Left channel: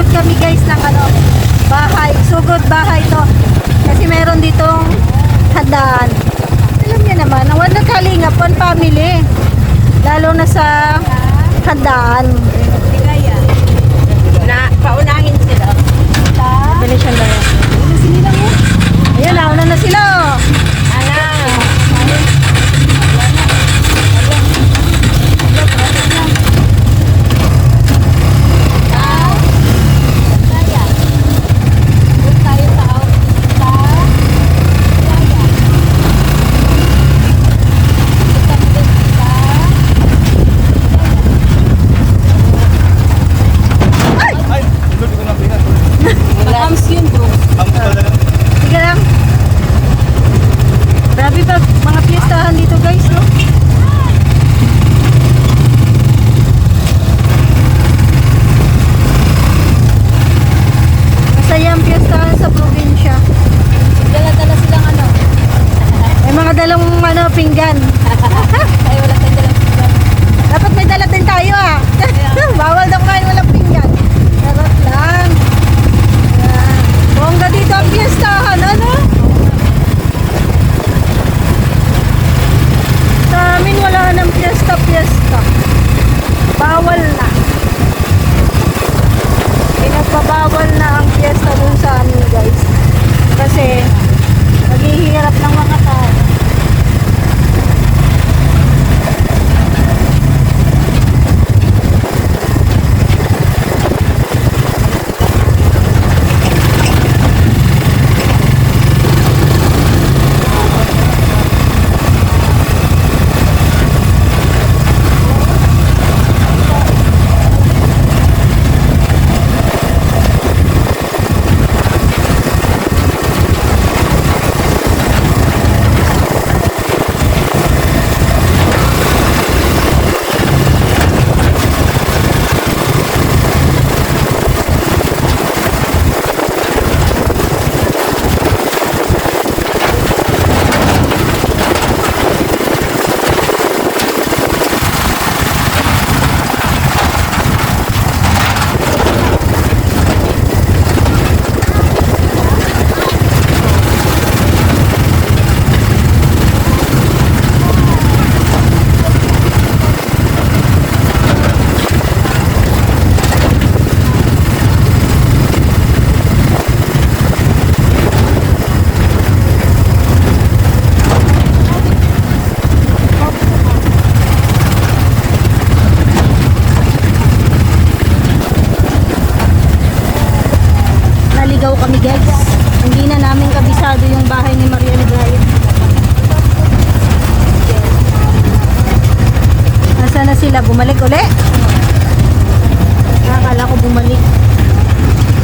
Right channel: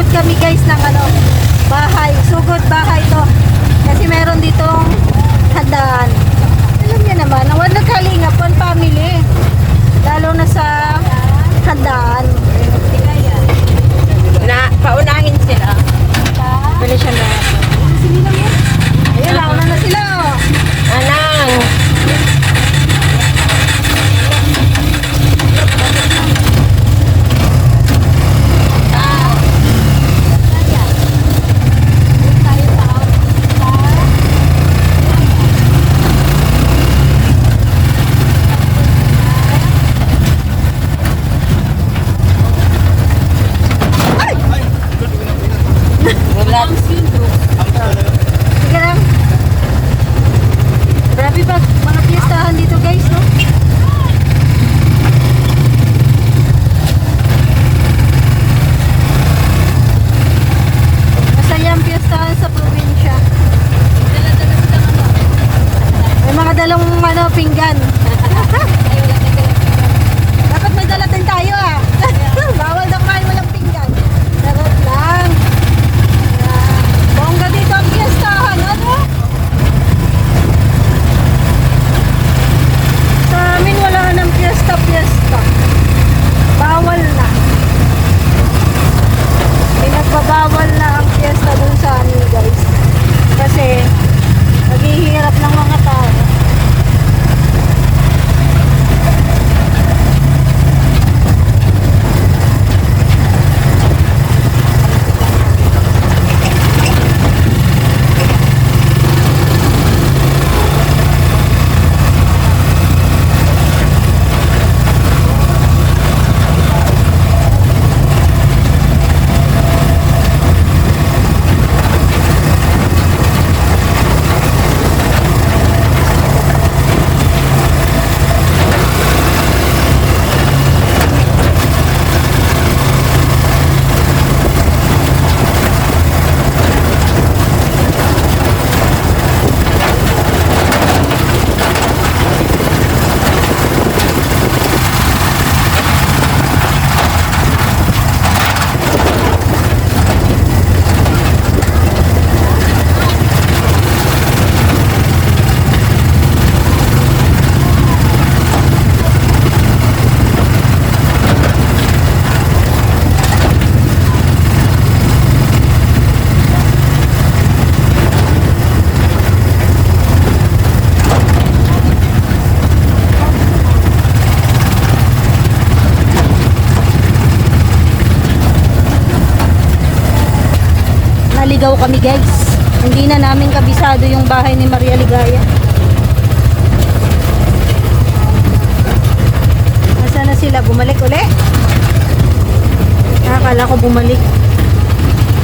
sugod kami guys ng ano, bahay. Sugod bahay to. Kasi meron ditong handaan. Alam niya naman, ang wala kalingap ang family. Lalo na sa handaan. Na, paunahin sila. Bali siya na. Ayan, nauna na sila. Anang. Sige lang. Grabe pa mga piyestahan dito guys, no? Masaya ang piyestahan sa probinsya. Dala-dala silang ano. May mga dalong ano, pinggan. Dapat may dala din tayo ah. Bawal daw kayo walang pinggan. Charot lang. Ayan. Bongga dito ang piyestahan, ano? Sa amin wala nang piyesta. Bawal na. Pinagbabawal na ang piyesta dun sa amin guys. Kasi naghihirap ng mga tao. Naligaw kami guys. Hindi na namin kabisado yung bahay ni Maria Ligaya. Nasaan na sila? Bumalik uli? Akala ko bumalik.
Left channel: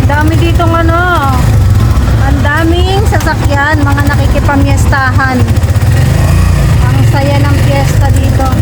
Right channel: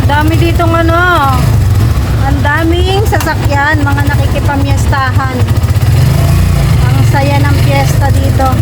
Dami ditong ano. Ang daming sasakyan. Mga nakikipamyestahan. Ang saya ng piyesta dito.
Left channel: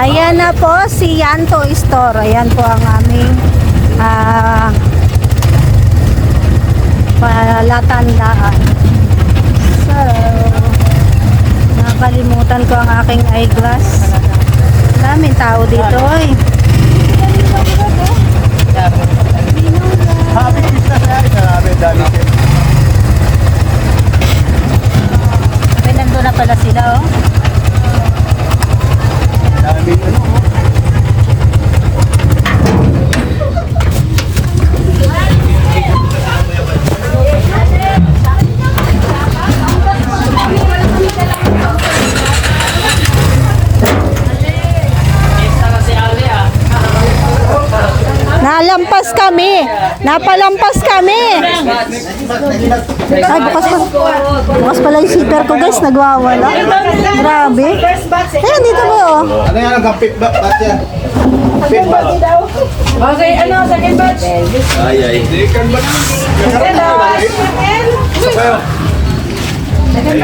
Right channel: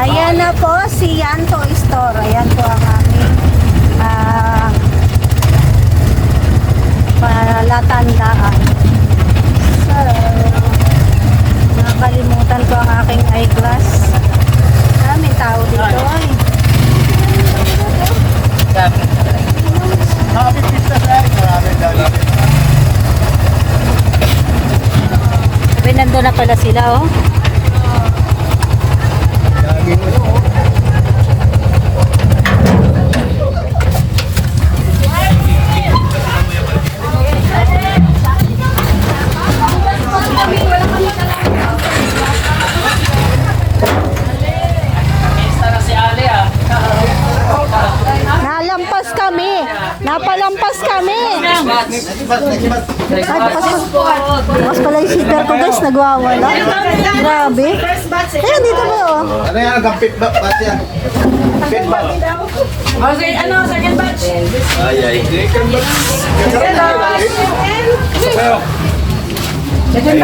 Ayan na po si Yanto Store. Ayan po ang aming palatandaan. So, nakalimutan ko ang aking eyeglass. Daming tao dito. Happy pizza sir. Marami dali. Nandun na pala sila, oh. Dami ano. Napalampas kami. Ay, bukas pala yung zipper ko guys, nagwawala. Grabe. Ayan, dito ba oh? Ano yan? Hanggang pit ba? Ba't yan? Pit ba? Okay, ano, second batch? Ay, ay. Second batch. Second batch. Hindi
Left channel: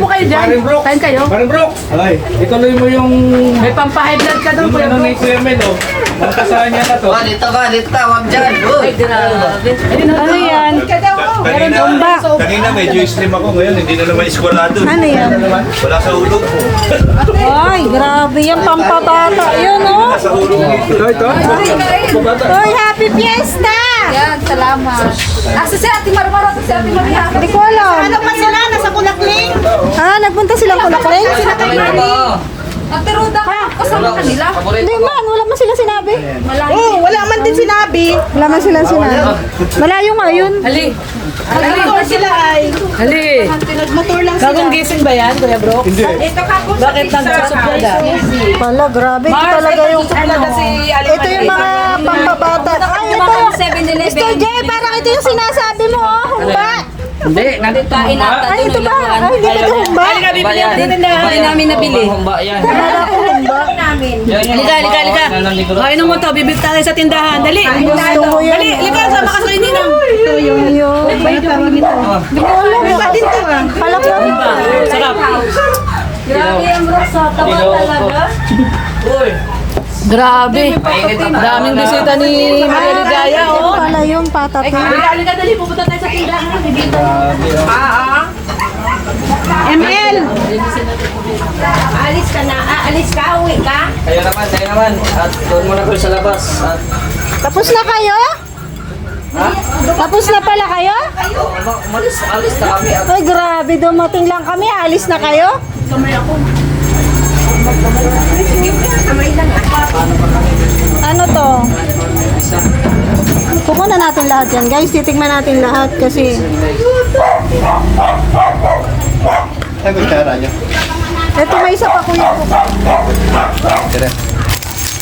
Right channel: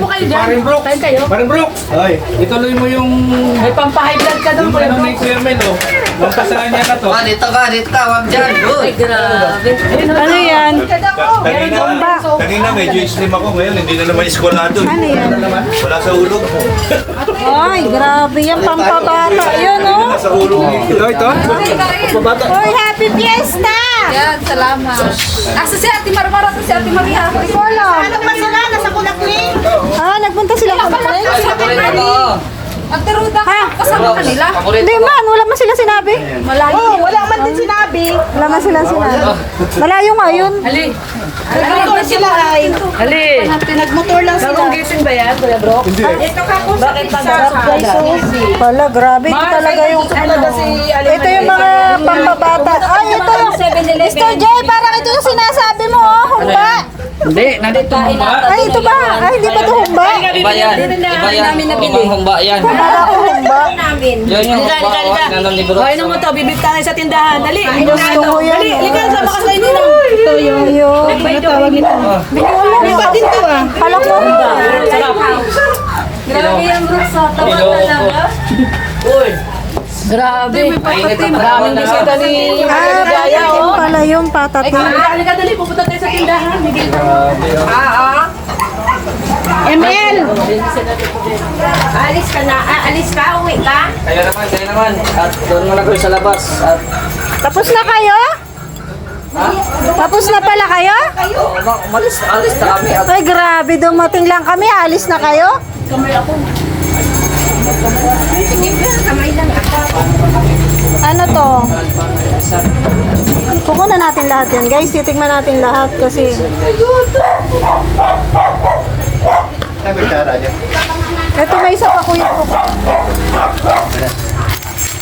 po kayo dyan. Kain kayo. Parang bro, ay, ituloy mo yung May pang-high blood ka doon. yung ano ni Sir Mel, oh. Nung kasama niya na to. Dito ka, wag dyan. Ay, grabe. Ano yan? Kanina medyo slim ako ngayon, hindi na naman eskwalado. Ano yan? Wala sa ulo. Ay, grabe yan, pampabata. Yun oh. Sa ulo. Ito. Hoy, happy fiesta! Yan, salamat. Asa si Ate Marmara at si Ate Maria? Hindi ko alam. Ano ba sila? Nasa Kulakling? Ah, nagpunta silang Kulakling? Ate Ruda, Ha? kasama ka nila? Hindi man, wala man sila sinabi. Malayo. Wala man din sinabi. Wala man sila sinabi. Malayo nga yun. Ali. Nagmotor sila ay. Ali. Nagmotor lang sila. Bagong gising ba yan, Kuya Bro? Hindi. Ito ka po. Bakit nagsasabi? Pala, grabe. Ito talaga yung... Ito yung mga pampabata. Ay, ito yung... Mr. J, parang ito yung sinasabi mo, oh. Humba. Hindi, nandito mo ba? Ay, ito ba? Ay, hindi ba ito humba? Hindi namin nabili. Humba yan. Akala ko humba. Halika. Kain mo to, bibit tayo sa tindahan. Dali. Gusto ko yan. Halika, sama ka kayo nila. Ayun. Ano tawag ito? Hindi ko alam. Kala ko. Grabe yan, bro. Sa tawa talaga. Grabe. Daming bisita ni Maria Ligaya, Ito oh. pala yung patatin. Halika, dali. Pupunta tayo sa tindahan. ML! Alis ka na. Alis ka, uwi ka. Kayo naman. At doon muna kayo sa labas. At Tapos na kayo? Tapos na pala kayo? alis na kami. At Ay, grabe. Dumating lang kami. Alis na kayo? Ano to? Kukunan natin lahat yan, guys. Titigman natin lahat kasi... Ay, may tara dyan. Ito, may isa pa kuya ko.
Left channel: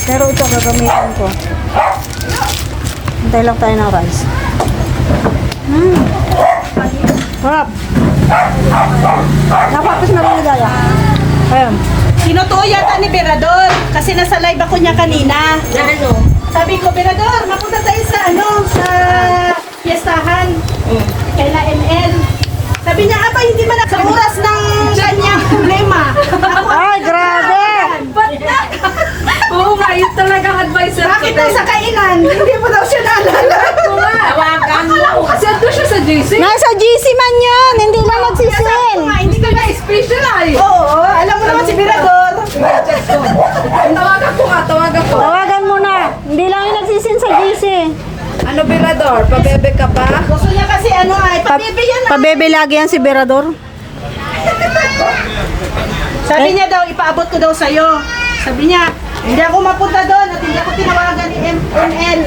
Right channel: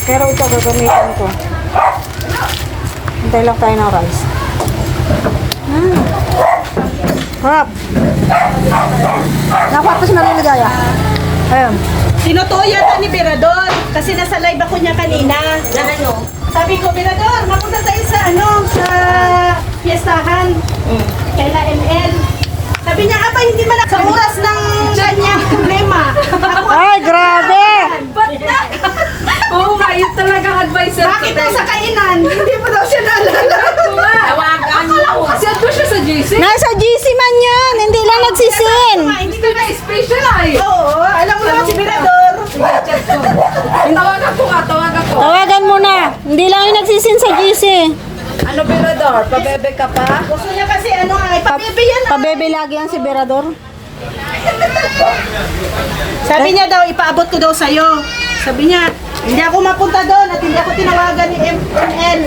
Pero ito, gagamitin ko. Hintay lang tayo ng rice. Crap. Nakapapos na rin ligaya. Ayun. Sinutuo yata ni Berador kasi nasa live ako niya kanina. Na ano? Sabi ko, Berador, mapunta tayo sa sa fiestahan. Kay na ML. Sabi niya, aba, hindi ba sa oras ng kanyang problema? Ay, grabe! Oo, ba? Yun talagang advisor. Bakit daw sa kainan? Hindi mo daw siya naalala. Tawagan mo. Kasi ando siya sa JC. Nasa GC man yun! Hindi lang nagsisin! Hindi Ito na special ay. Oo, alam mo naman si Berador. Tawagan ko. Tawagan mo na! Hindi lang yung nagsisin sa GC. Ano, Berador? Pabebe ka pa? Gusto niya kasi ano ay, pabibigyan na. Pabebe lagi yan si Berador. Sabi niya daw, ipaabot ko daw sa'yo. Sabi niya, hindi ako mapunta doon at hindi ako tinawagan ni ML.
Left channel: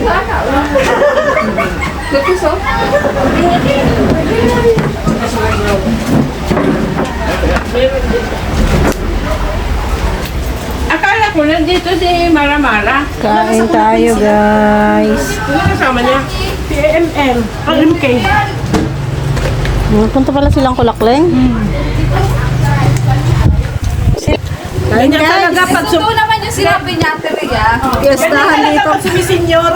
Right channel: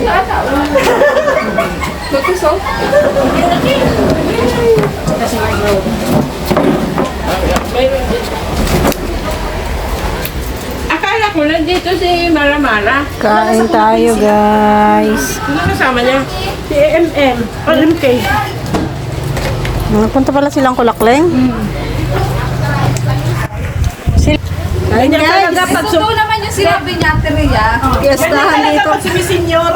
Akala ko nandito si Maramara. Kain tayo, guys. Ano kasama niya? Si ML, ang MK. Punta pala silang Kulakleng. Kain, guys. Totoo naman yung sinabi niya, Teria. Fiestahan dito. Sumisenyor.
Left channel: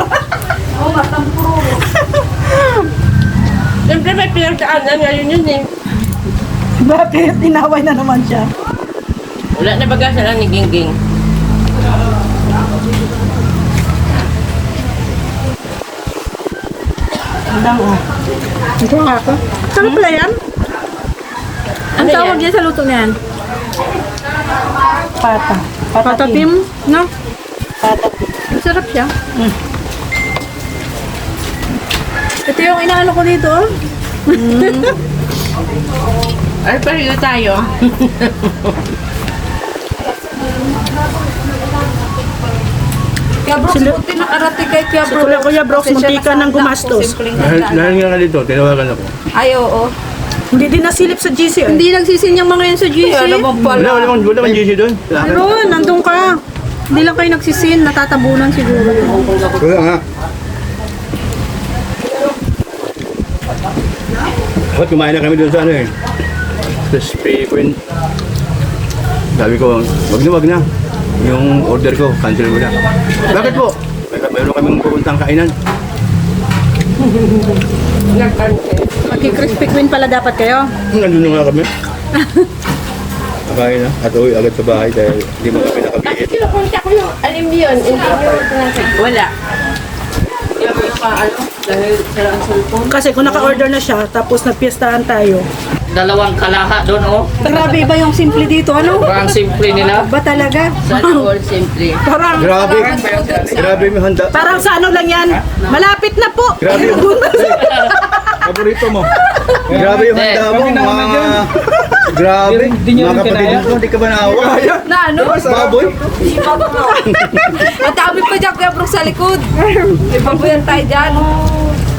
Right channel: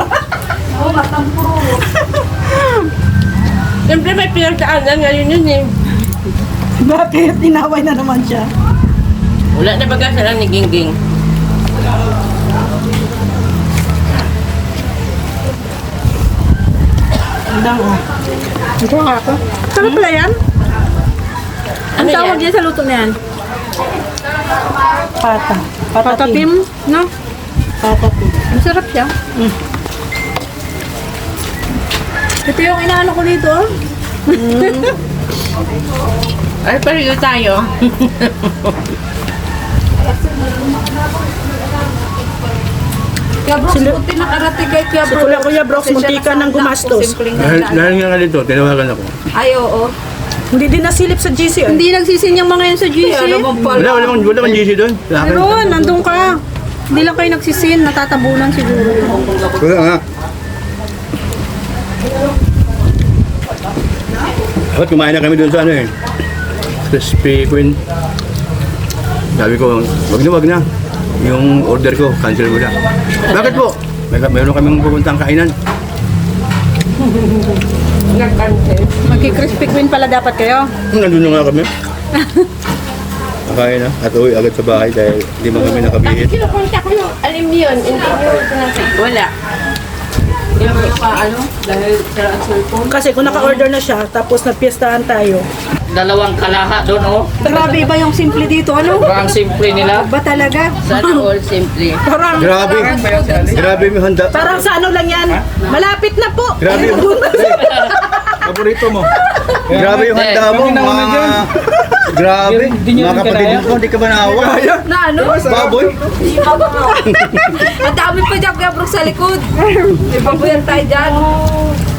Siyempre may pinagkaanan ngayon yun eh. Bakit? Tinaway na naman siya. Wala na baga silang ni Gingging. Andang oh. Ito nga ako. Saan pala yan? Ang tawag yan sa luto na yan? Pata. Patatim, no? Patatim. Masarap siya. Ito yung inaano ko dito, oh. Ay, pareho tayo. Kaya bro, sukutin na karate kay Kaya bro. Kula Kuya Brox, muntika ng gumastos. Dahil nga dito, tinawagan ako. Ay, oo. Hindi din nasilip sa GC. Hindi nagsisin yung mga yan sa GC. Wala man GC doon. Pero, nandun ka. Hindi lang kayo nagsisin, natatabunan siguro yun. Wala nga. Ba't kumain na kami doon sa ano eh. Crispy Queen. Sabi ko, wag na. Yung order ko, cancel mo na. Bakit po? Mayroon kaming pupuntang kainan. Magki-crispy queen pala dapat kayo. Nandun na nga kami. Nakain na. At uwi agad sa bahay dahil hindi mo kami nakabihit. Kinukunta ko yung alam niyo yun, hindi niyo pinapit. Wala. Dahil sila ang cellphone. Kasi kung naka-order na siya, tapos nagpiestahan tayo. Dalawang kalaha doon, oh. Grabe ba yung simple dito? Ano? Parang simple nila. Ba talaga? All simple. Parang, Grabe. Grabe yung handa. parang sa ano lang yan. Malapit na po. Grabe yung Paborito mo. Grabe yung handa mo. Grabe. Mga kapatid mo, di ka ba naawa? Na ano? Baboy. Ang dami pa dyan kaya sa likod. Ibang yan tayo dyan.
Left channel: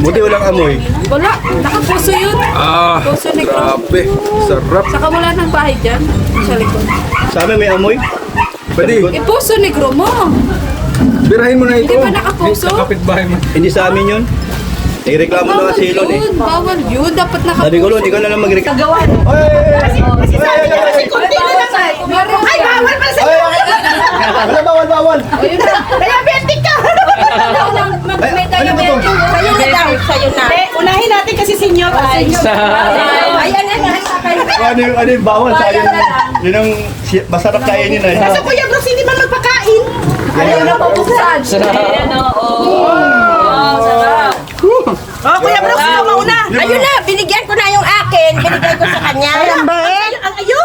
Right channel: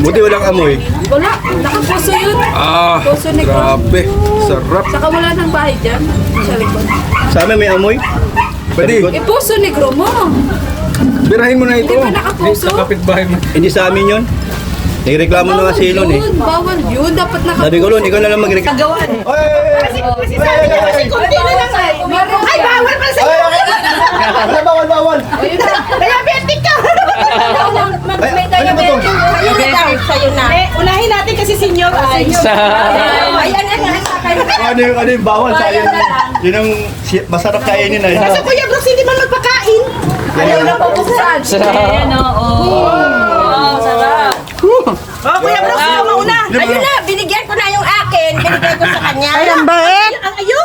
Buti walang amoy. Wala. Nakapuso yun. Puso ni Gro. Grabe. Sarap. Saka wala ng bahay dyan. Sa likod. Sa amin may amoy. Pwede. Puso ni Gro mo. Birahin mo na Hindi ito. ba nakapuso? Kapitbahay mo. Hindi sa amin yun. Nireklamo na si Elon eh. Bawal yun. Dapat nakapuso. Sabi ko, Lon, ikaw na lang magreklamo. Kagawan. Kasi kunti na lang ay. Ay, bawal pa sa Bawal. diabetic ka. Ano ba ito? Sa'yo na. Unahin natin kasi senior. Ayan, Ano yung bawal sa yun? Yun ang masarap kainin eh. Kasi Kuya Brooks, hindi man magpakain. Ayaw na pupusan. Oh, Kuya Brooks, ano mauna? Ayun na, binigyan ko na yung akin. Binigay ko sa kanya. Alam ba eh? Ang ayo?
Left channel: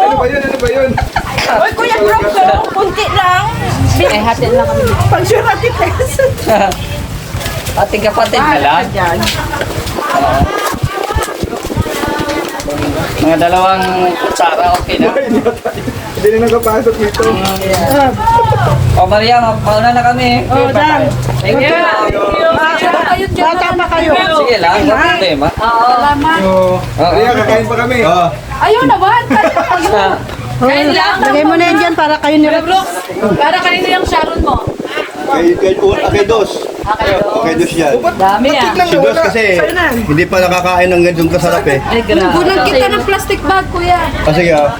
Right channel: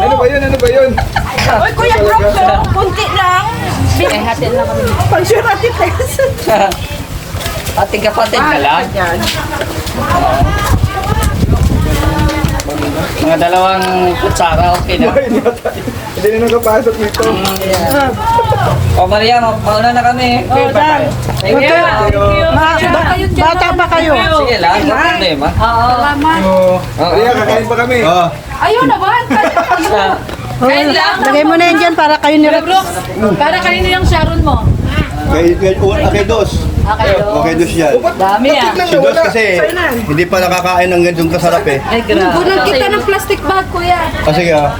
Ano ba yun? Oy, Kuya Brooks, kunti lang. Pag-sure natin kayo. Ating kapatid ka lang. Mga dalawang kutsara, okay na. Hindi na nakapasok nito. O Maria, mauna na kami. Thank you. Bata pa kayo. Sige lang, no problema. Kaya kakain pa kami. Ayun na ba? Lagay mo na yan dyan para kayo nila. Para kanino yung Sharon mo? Kay Dos. Okay, Dos yan. Dami ah. Si Dos kasi hindi pa nakakain ng ganitong kasarap eh. Ay, grabe. Bulong kita ng plastic bag, kuya. O sige ah.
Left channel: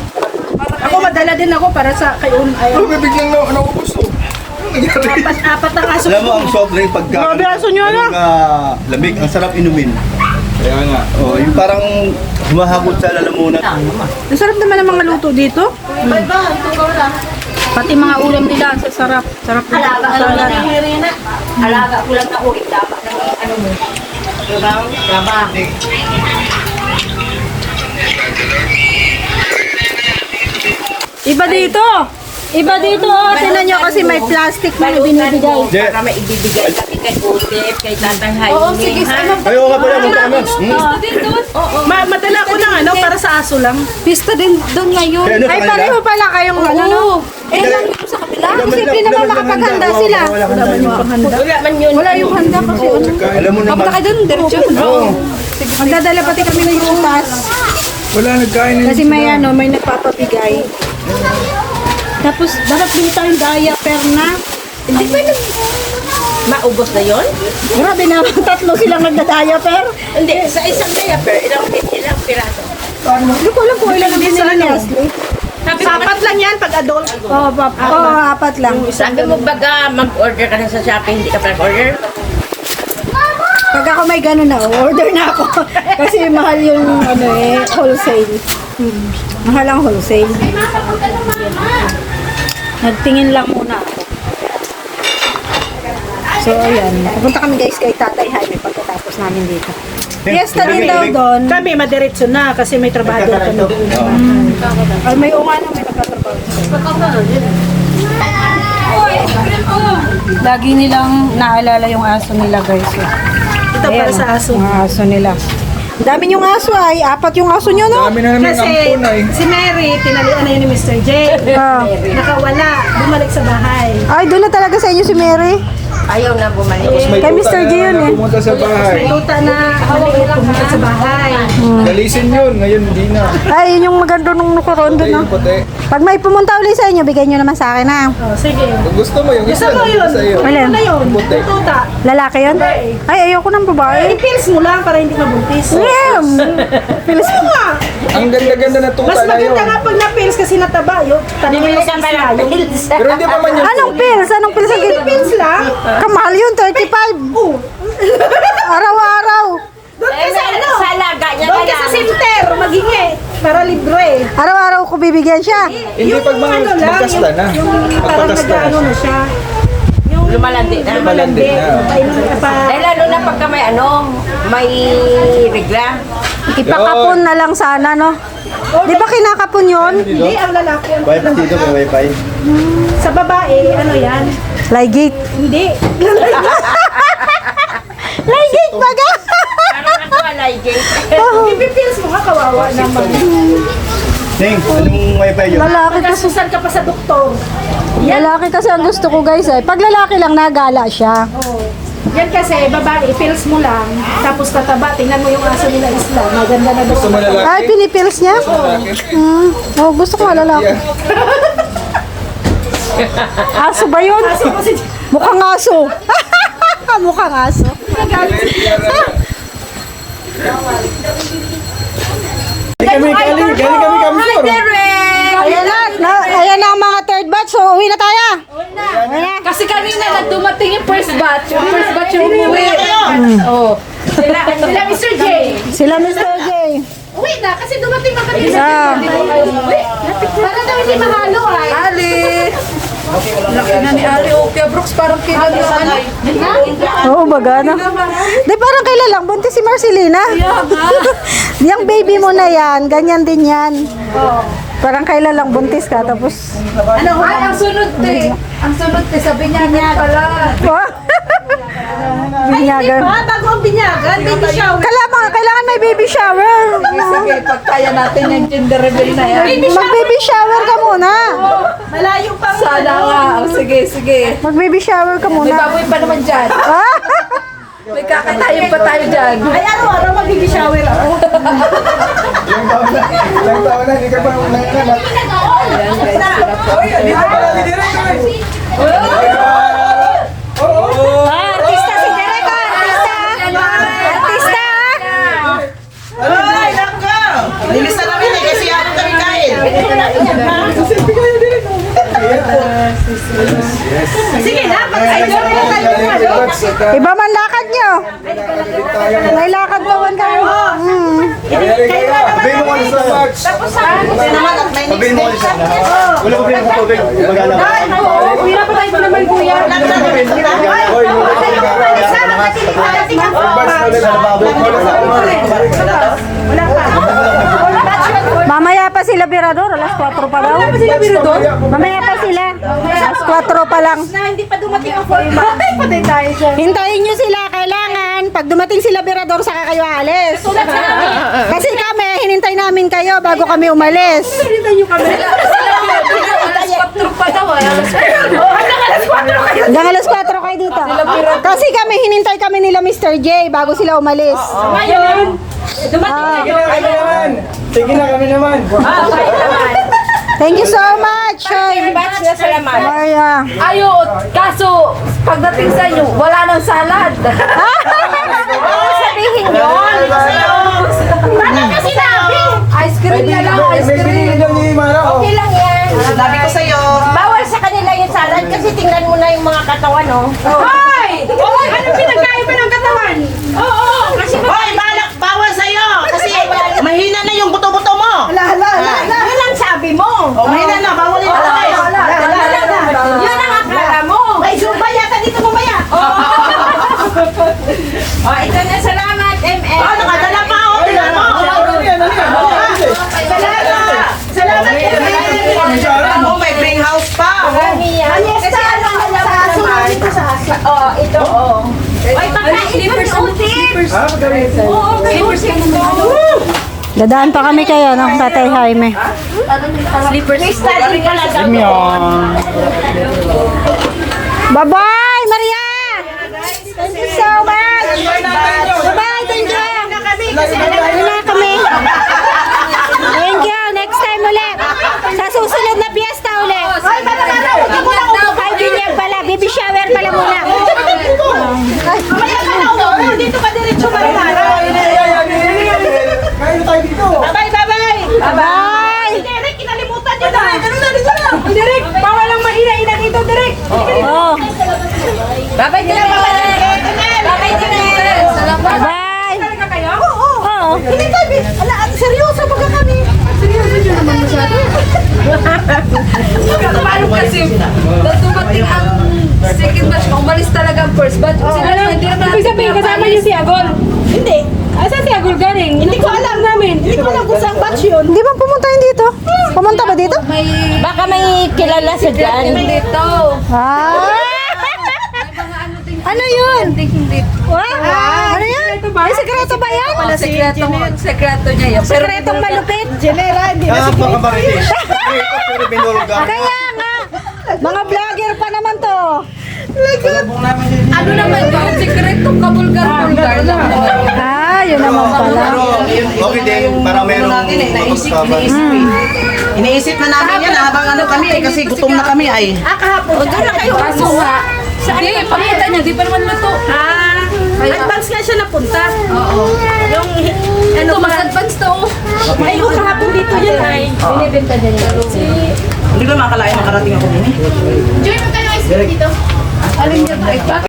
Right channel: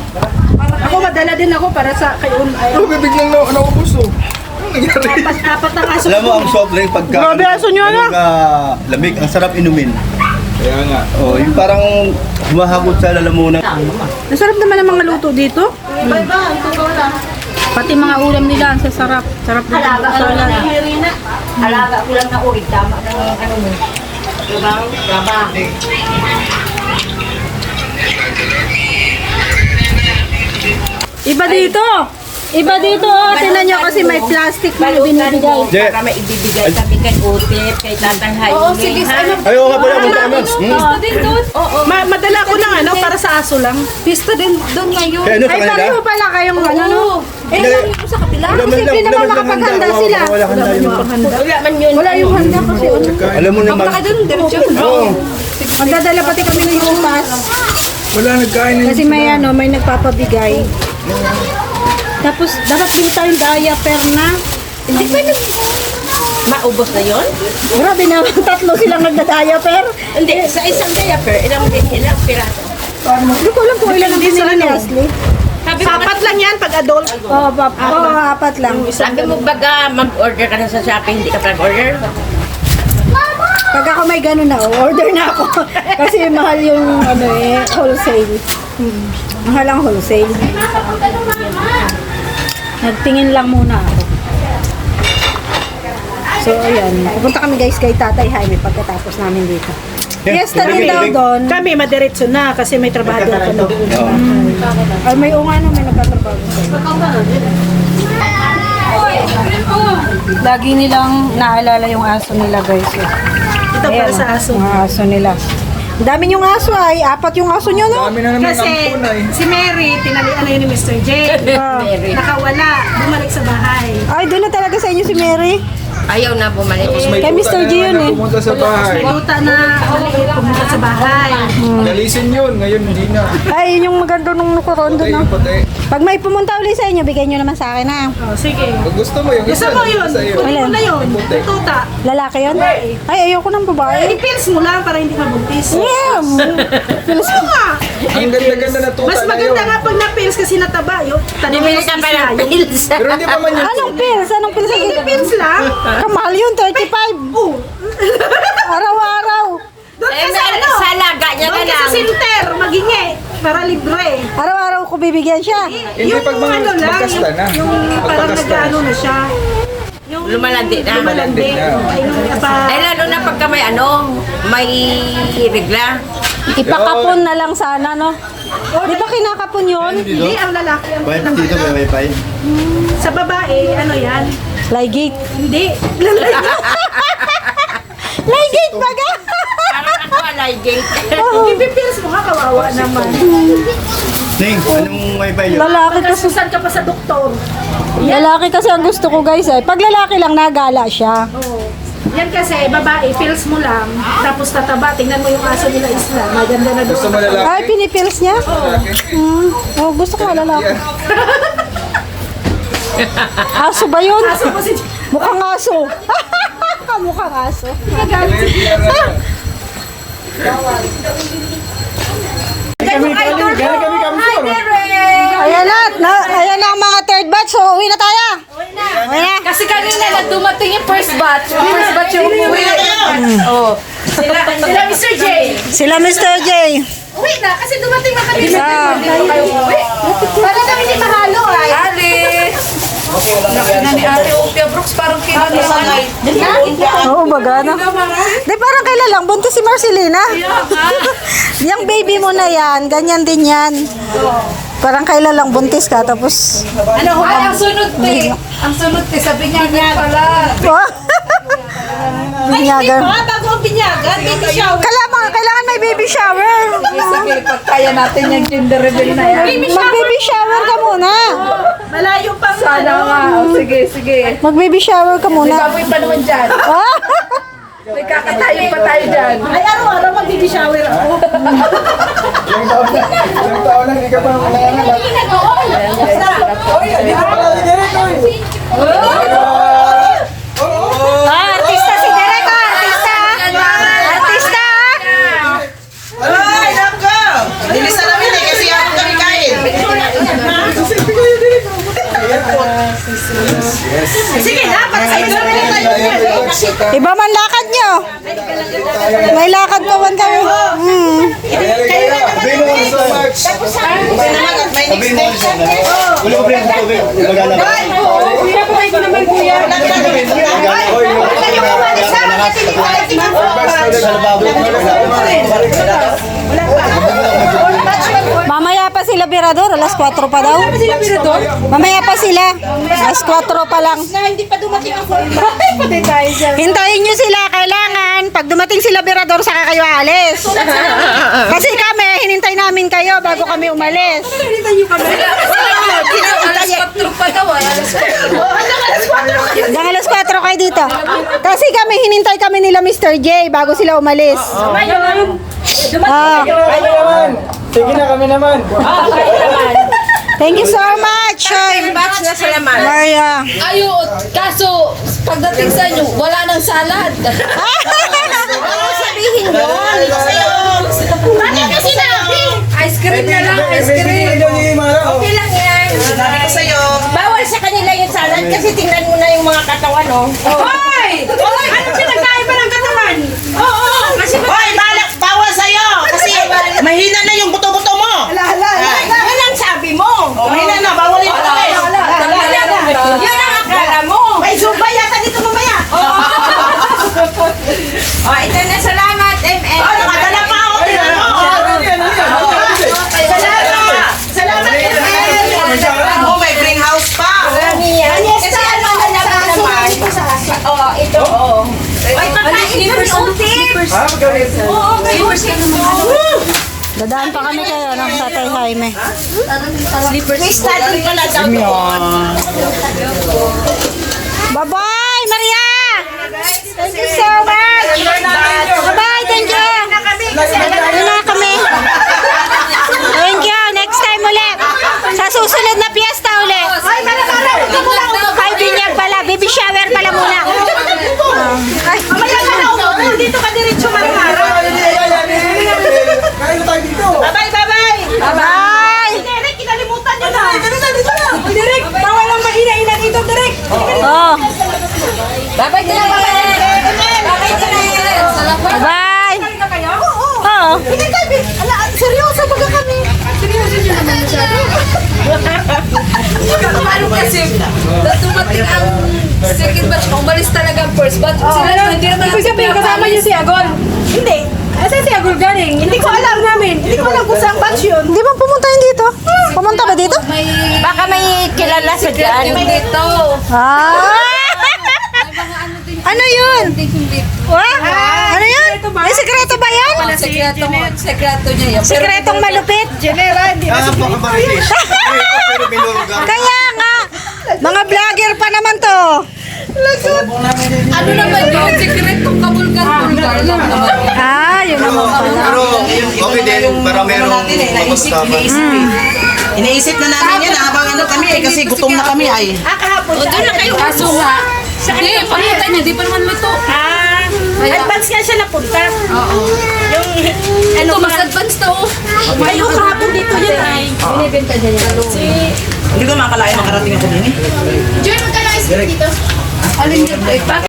Ako madala din ako para sa kayo. Ano bibigyan mo? Ano ko gusto? Ano nangyari? Apat na kaso. Alam mo ang soft drink pagka Grabe, aso nyo, ano? lamig, ang sarap inumin. Kaya nga. Oh, yung parang humahagot sa lalamunan. Ang sarap naman ng mga luto dito. Pati mga ulam nila, ang sarap. Sarap din ang salad. Alaga ko lang ako. Itama ng ano. Trabaho. Iba dito. Iba dito, oh. Tingnan nyo kasi may plastic na binibigay. Hindi. Kami ibibigay kami kay Utip, kay Tatang Jaime. Oo, sige. Ano? Ayaw nga pala kung kami. Pista din doon. Oo. Madala ko ng ano para sa aso lang. Pista din doon ngayon. Kaya ano sa Ay, kanila? pareho pala kayong ano. Eh, sa kapila. Kasi hindi naman nakapaghanda sila. Wala man yung Panghanda. Wala man yun. Wala yung handa kasi ano. Alam mo naman. Baka doon, diretso. Oo. Magdadala pati kami ng iupas. Wala nagkain. Kasi may ano, may nagpapabigay. Tapos, dapat bili tayong diaper na. Hindi pa maubos na yun? Grabe na, tatlo silang nagda-diaper. Hindi, sa isang diaper, ilang piraso. Hindi ko alam kung ilan ang binili ni Ashley. Sabi ko, Apat lang yan pag adult. Oo, apat lang. sabi mo baga mag-order ka na sa Shopee, hindi ka pa order? Pag ako may ganun na, order na ako. Kasi mahal yung ano eh, wholesale. Mahal ang wholesale. Nagtingin lang muna ako. So, ayan. Pupunta kami guys kay Tatay Jaime pagkatapos namin dito. Yes, din daw doon. Kami madiretso na kasi may trabaho ako doon. Ay, may umay na may nagtatrabaho sa'yo. Lagi nilang naalala yung aso nila guys. Ito para sa aso. Mga aso nila. Ang dami yung aso ay. Apat yung aso nyo, no? Kami na naman Kasi si Mary, tinalian na yun ni Mr. J. Ah. Nakawala, bumalik sa bahay. Ay, doon na talaga sa inyo si Mary. Ayaw na bumalik. Kay Mr. G yun eh. Pumunta sa bahay. Tuta na pumunta sa bahay. Galisin yun, ngayon hindi na. Ay, yun yung maganda nung nakorondo na. Puti. Pag may pumunta ulit sa inyo, bigay nyo naman sa akin ha. Oh, sige. Pag gusto mo yung Gusto mo yun? Sa'yo. Kunin mo na yun. Puti. Yung tuta. Lalaki yun? Ay, ayoko ng babae. I-pills mo lang para hindi mabuntis. Yeah. Oo nga. Ang ganda-ganda na tuta Mas na yun. maganda nga pag na-pills kasi nataba yun. Tanongin mo sa isla yung Pero hindi pa man yun. Anong pills? Anong pills? Hindi pills lang. Kamahal yun, 35. Oo. Araw-araw. Doon ka sa ano? Sa alaga niya Doon ka ka sa lang. center. Magingi. Para libre. Araw-araw ko bibigyan siya. Hindi Yung pag mga ano lang. magkasta na. Yung parang Magkasta nag-ano na siya. Yung Lumalandi na. Lumalandi. Lumalandi na. Painom ka pa. Eh, lalo na pagka may may regla. Ipakapon na lang sana, no? Di ba kinakapon yun? Hindi, ang lalaki ang Wifi dito, may wifi. Sa babae, ano yan? Lygate. Hindi. Lygate baga? Parang ako alay gate. Ipipills mo nga, kawawa naman. Ning, anong wifi yun? Lalaki kasi. Nasusan ka pa sa doktor. Lalaki kasi ang gusto ko guys eh. Pag lalaki lang, nagala siya. Oo. Yan kasi, babae, pills mo lang, tapos tataba, tingnan mo yung aso nila isla, maganda na Gusto mo doon. lalaki? Ay, pinipills niya? Oh, gusto ko nga lalaki. Aso ba yun? Aso mo si... Mukhang aso. Mukhang aso. Ayan na ang mga third batch. So, uwi na tayo. Uwi na. Kasi kanina na dumating yung first batch. Yung first batch yung umuwi. Oh. Sila Mr. J. Sila Mr. J. Uwi na, kasi dumating na kanina. Ah. Para na hindi mahalo ay. Ali. Nakina ni Ali Opia Brooks. Parang kila ni Ali. Oo, baga na. Di parang kailan lang, buntis si Marcelina. Yung baby mo na yan, ganyan din yan. Parang kailan lang buntis ka, tapos... Ano, ay, ang sunod te. Ang sunod te, sabi niya pala. Binyagan. Ah, bago ang binyagan, baby shower. Kailangan may baby shower. Sige, pagkaya natin yung gender reveal na yan. Mag-baby shower ka muna. Malayo pa nga. Sana nga. Oh, sige, sige. Mag-baby shower ka May muna. baboy pa naman dyan. Ah? May kakatayin pa tayo dyan. Ay, araw-araw mag-baby shower ako. Ilang taon na, hindi ka pa nanganganak. Artista si Derek, artista. Artista. Ay, naka! Nilisa namin eh, kasi ako kami kain. Sige na, para sa inyo na tayo ng ano. Iba man lakad nyo. May lakad pa man kami. Sabihin mo kung ano sa March. Kasi naman at may Sabihin mo kasi sana. Wala ko rin sa tubig. Magala ka. Hirap pa tayo naman kuya. Oy, yung Mamaya pa sila Birador, alas 4 pa daw. Mamaya pa sila. Alas 4 pa lang. Na hindi pa dumating ang forma. Patay tayo siya. Hintayin nyo sila, kailangan. Pag dumating sila Birador, saka kayo alis. Kasi kami, hinintay namin kayo bago kami umalis. Hanggang alas 4 kayo dito. Kasi kami, hinintay kami nila Mr. J bago sila umalis. Ngayon, Ah, Kami naman. Sige na, kami naman. thank you so much. Batch na sila man. Maria. Ayo, kaso pagdating sa inyo, wala nang salad. Sabihin yun. bakit ka sinabi? Ice cream na lang, ice cream. Okay lang yan. Sabi ko sa'yo. Bawal sa kanila yung salad kasi tingnan mo na yung mga katawan, no? Hoy! Hoy! Anong pinagkaiba ng katawan? Oo! Kasi Hoy, balak, bawal sa'yo. Kasi mahina na yung buto-buto mo. Yan ang sabi mo. Mahina na, bawal yung buto. Yun ang akala mo. may zumba yata dito mamaya. O, ito na, salamat, ML. Oh, nakadala pa ako. Tingnan mo. Salamat Oh, may green house pa. Marami yan. Kasi ano na naman naman. Oh, ito, oh. Ay, pagkain mo ni Otis. Oo, may Dadaan pa kami kaya ng Tatay Jaime. May study pala daw doon. Bye-bye, Maria! Bye-bye din. Bye-bye din. Salamat. Bye! Talaga kayo? Oo. Hindi tayo. Ala, seryoso baga kami. Seryoso nyo naman masyado. Paano kasi, dumating ang second batch, umalis talaga ang first batch. Sila naman, hindi naman Ibig sabihin, kasama niyo si Agol? Hindi. Asan si Agol galing? Hindi ko alam namin. Hindi ko alam kung saan batch yun. Hindi ba pumunta yun dito? Pumunta ba dito? Baka may kilala sa dyan. yung dito. Ah! Ano yun? Wow! Ano yun? May sekreto ba yan? Sekreto niya yan. Pero Sekretong malupit? Napakabarilis. Pero binulga. Kaya nga! Mga vlogger pa naman to. ano naman yun? Sekretong kabulgar-bulgar lang naman yun. Ah, yun naman pala. Pero okay din, para meron magustahan. Iniisip na namin yan habang ano kami eh, kasi gutom na kami ay. O doon na kayo. Kaso nga, hindi, pakita niya, di pa naman luto. Advance nga siya napunta. Oo. Yung, Ito, mas advance to. may yung kahapon dito yun ay. Binibenta niya yung Hindi ko makakalain makarating ako din eh. Alin dyan,